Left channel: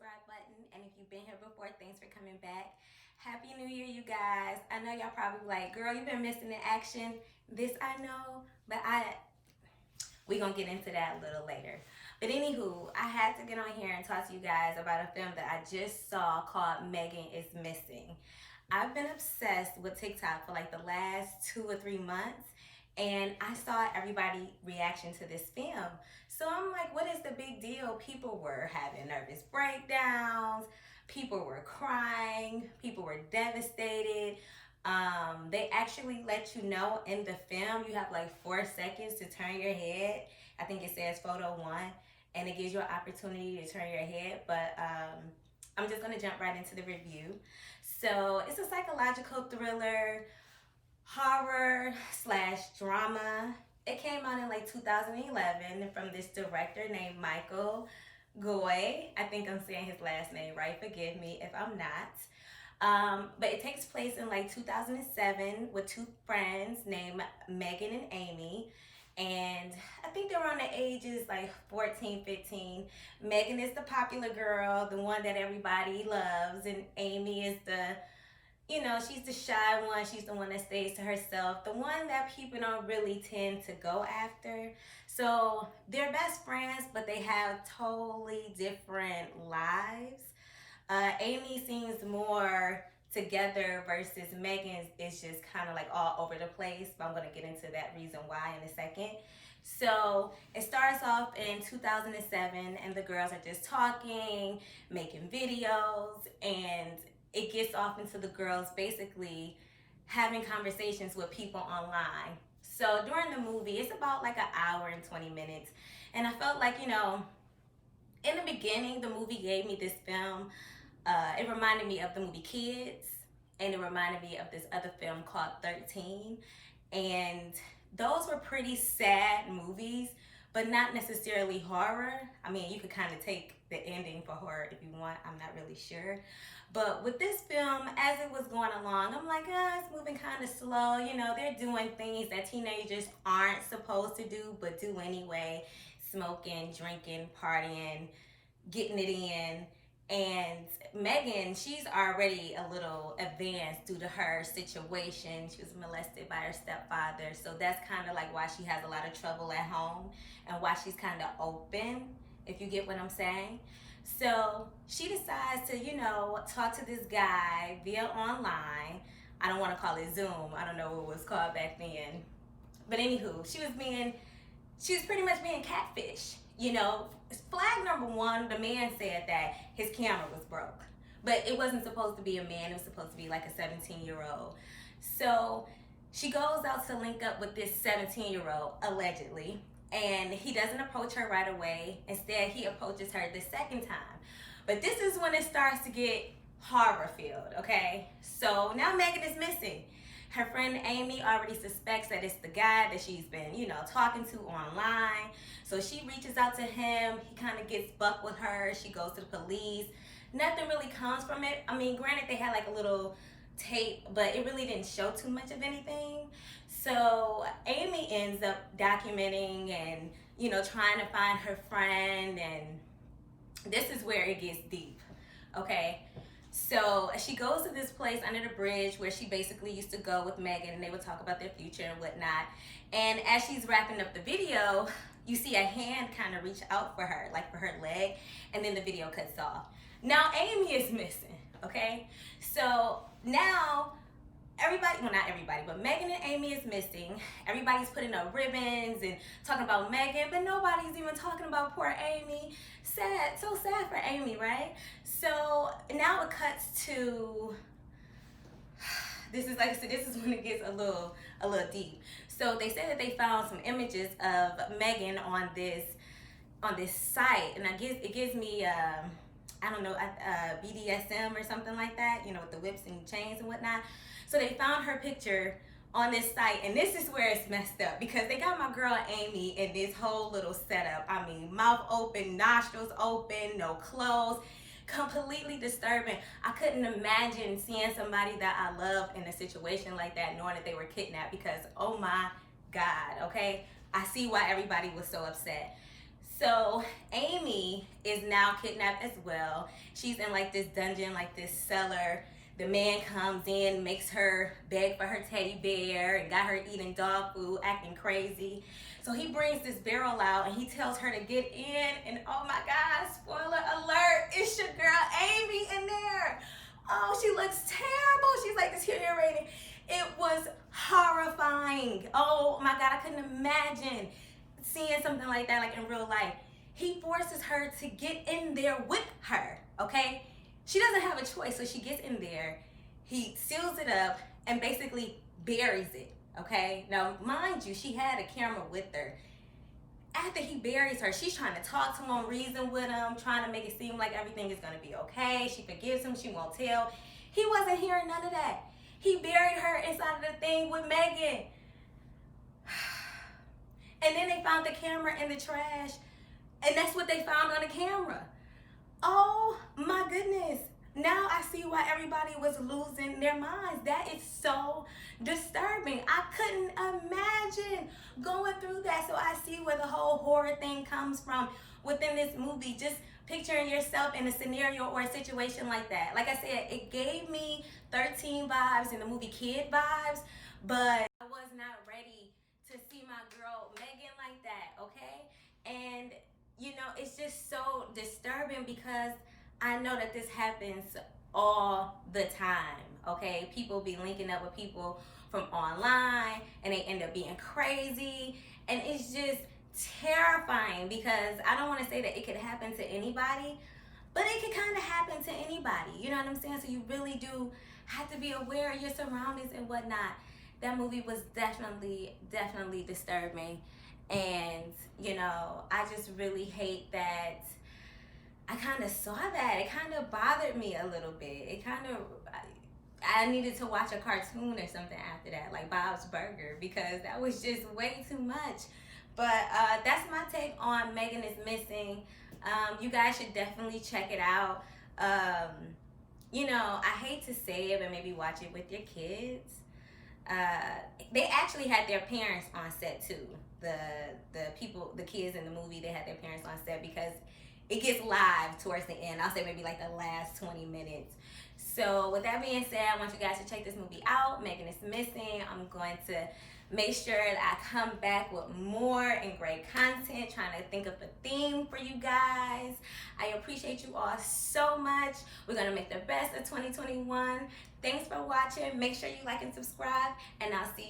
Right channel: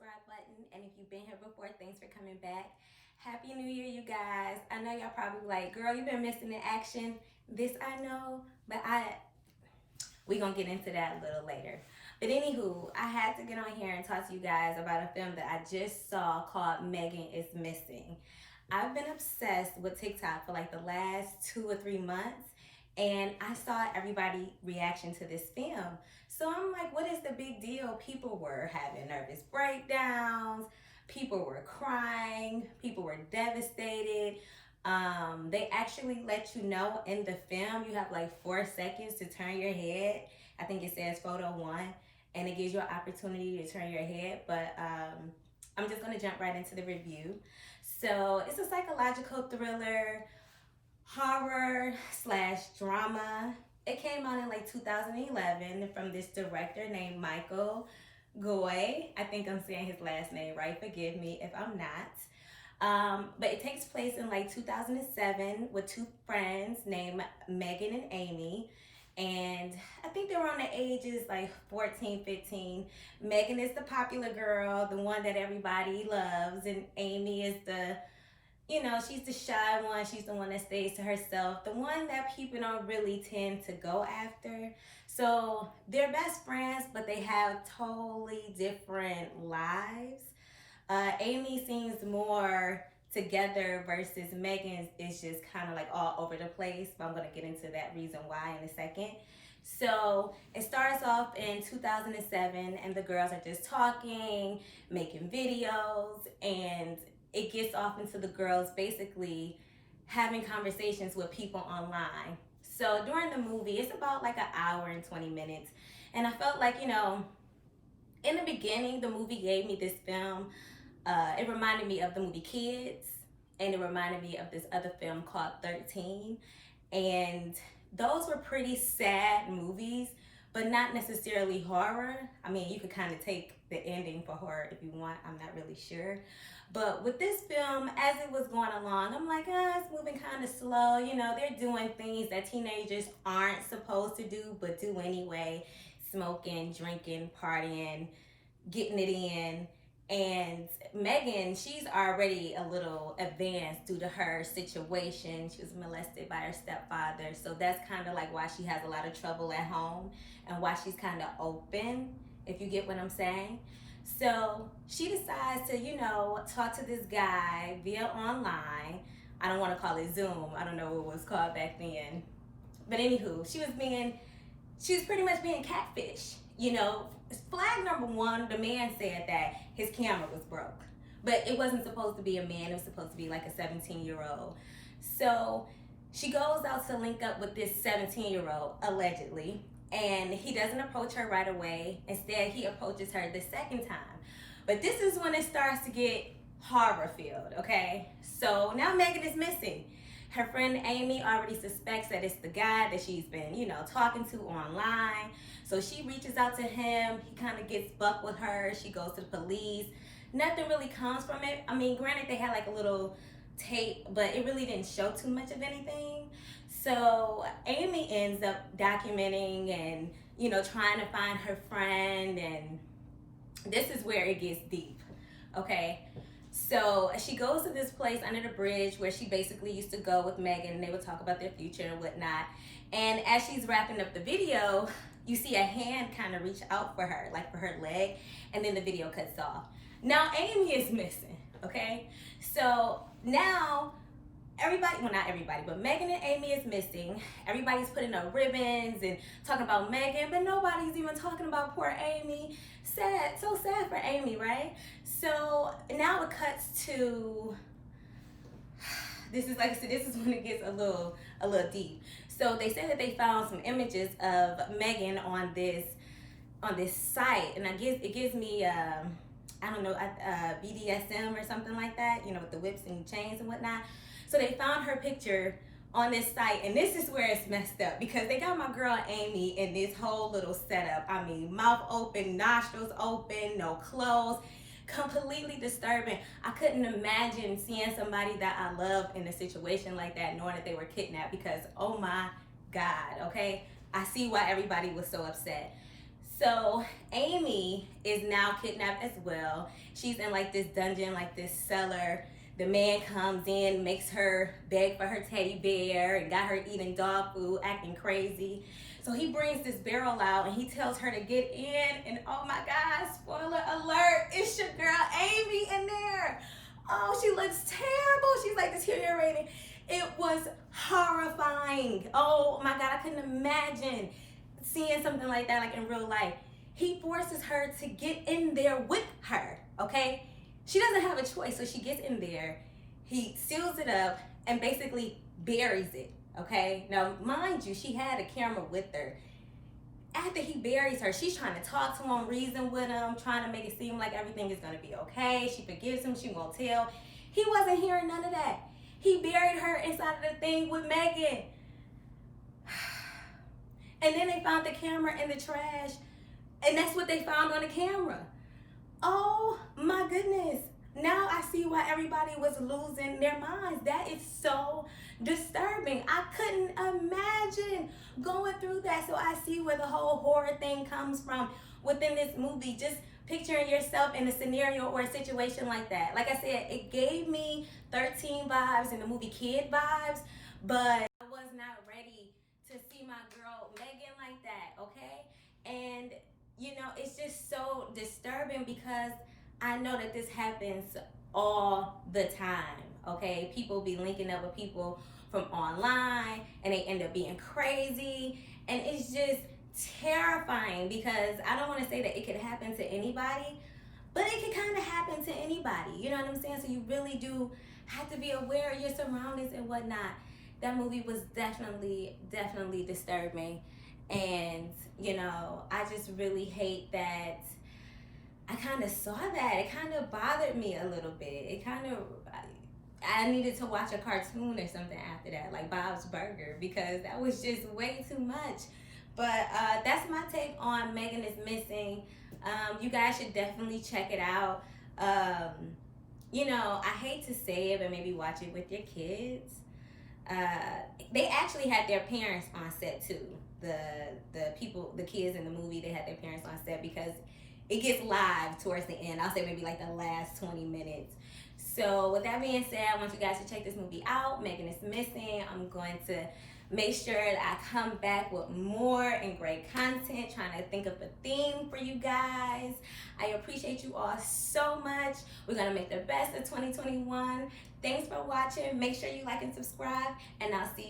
subscribe button. And if you've been here before, thanks for coming back. Happy New Year, you guys. I know y'all probably like, girl, you've been missing the action. This I know, but we gonna get into that a little later. But anywho, I had to get on here and talk to you guys about a film that I just saw called Megan is Missing. I've been obsessed with TikTok for like the last 2 or 3 months, and I saw everybody's reaction to this film. So I'm like, what is the big deal? People were having nervous breakdowns, people were crying, people were devastated. They actually let you know in the film, you have like 4 seconds to turn your head. I think it says photo 1, and it gives you an opportunity to turn your head. But I'm just gonna jump right into the review. So it's a psychological thriller, horror slash drama. It came out in like 2011 from this director named Michael Goy. I think I'm saying his last name right. Forgive me if I'm not. But it takes place in like 2007 with 2 friends named Megan and Amy. And I think they're around the ages like 14, 15. Megan is the popular girl, the one that everybody loves. And Amy is the, she's the shy one. She's the one that stays to herself. The one that people don't really tend to go after. So they're best friends, but they have totally different lives. Amy seems more together versus Megan is just kind of like all over the place, but I'm going to get into that reason why in a second. So it starts off in 2007 and the girls are just talking, making videos, and it gets off into the girls basically having conversations with people online. So during the movie, it's about like an hour and 20 minutes. And I felt like, in the beginning, the movie gave me this film. It reminded me of the movie Kids, and it reminded me of this other film called 13. And those were pretty sad movies, but not necessarily horror. I mean, you could kind of take the ending for horror if you want. I'm not really sure. But with this film, as it was going along, I'm like, it's moving kind of slow. They're doing things that teenagers aren't supposed to do, but do anyway. Smoking, drinking, partying, getting it in. And Megan, she's already a little advanced due to her situation. She was molested by her stepfather. So that's kind of like why she has a lot of trouble at home and why she's kind of open, if you get what I'm saying. So she decides to, talk to this guy via online. I don't want to call it Zoom. I don't know what it was called back then. But anywho, she was pretty much being catfish. Flag number 1, the man said that his camera was broke. But it wasn't supposed to be a man, it was supposed to be like a 17-year-old. So she goes out to link up with this 17-year-old, allegedly, and he doesn't approach her right away. Instead, he approaches her the second time. But this is when it starts to get horror-filled, okay? So now Megan is missing. Her friend Amy already suspects that it's the guy that she's been, talking to online. So she reaches out to him. He kind of gets buck with her. She goes to the police. Nothing really comes from it. I mean, granted, they had like a little tape, but it really didn't show too much of anything. So Amy ends up documenting and, trying to find her friend. And this is where it gets deep, okay? So she goes to this place under the bridge where she basically used to go with Megan, and they would talk about their future and whatnot. And as she's wrapping up the video, you see a hand kind of reach out for her, like for her leg, and then the video cuts off. Now Amy is missing, okay? So now everybody, well, not everybody, but Megan and Amy is missing. Everybody's putting up ribbons and talking about Megan, but nobody's even talking about poor Amy. Sad, so sad for Amy, right? So now it cuts to, this is like I said, this is when it gets a little deep. So they said that they found some images of Megan on this site, and it gives me I don't know, BDSM or something like that, with the whips and chains and whatnot. So they found her picture on this site, and this is where it's messed up because they got my girl Amy in this whole little setup. I mean, mouth open, nostrils open, no clothes. Completely disturbing. I couldn't imagine seeing somebody that I love in a situation like that, knowing that they were kidnapped, because oh my God, okay? I see why everybody was so upset. So Amy is now kidnapped as well. She's in like this dungeon, like this cellar. The man comes in, makes her beg for her teddy bear, and got her eating dog food, acting crazy. So he brings this barrel out and he tells her to get in. And oh my God, spoiler alert, it's your girl Amy in there. Oh, she looks terrible. She's like deteriorating. It was horrifying. Oh my God, I couldn't imagine seeing something like that, like in real life. He forces her to get in there with her, okay? She doesn't have a choice, so she gets in there. He seals it up and basically buries it, okay? Now, mind you, she had a camera with her. After he buries her, she's trying to talk to him, reason with him, trying to make it seem like everything is gonna be okay. She forgives him, she won't tell. He wasn't hearing none of that. He buried her inside of the thing with Megan. And then they found the camera in the trash, and that's what they found on the camera. Oh my goodness. Now I see why everybody was losing their minds. That is so disturbing. I couldn't imagine going through that. So I see where the whole horror thing comes from within this movie. Just picturing yourself in a scenario or a situation like that. Like I said, it gave me 13 vibes and the movie Kid vibes, but I was not ready to see my girl Megan like that, okay? And you know, it's just so disturbing because I know that this happens all the time, okay? People be linking up with people from online and they end up being crazy, and it's just terrifying because I don't want to say that it could happen to anybody, but it could kind of happen to anybody, you know what I'm saying? So you really do have to be aware of your surroundings and whatnot. That movie was definitely disturbing. And, you know, I just really hate that I kind of saw that. It kind of bothered me a little bit. It kind of, I needed to watch a cartoon or something after that, like Bob's Burger, because that was just way too much. But that's my take on Megan is Missing. You guys should definitely check it out. You know, I hate to say it, but maybe watch it with your kids. They actually had their parents on set too. The kids in the movie, they had their parents on set because it gets live towards the end. I'll say maybe like the last 20 minutes. So with that being said, I want you guys to check this movie out. Megan is Missing. I'm going to make sure that I come back with more and great content, trying to think of a theme for you guys. I appreciate you all so much. We're going to make the best of 2021. Thanks for watching. Make sure you like and subscribe, and I'll see you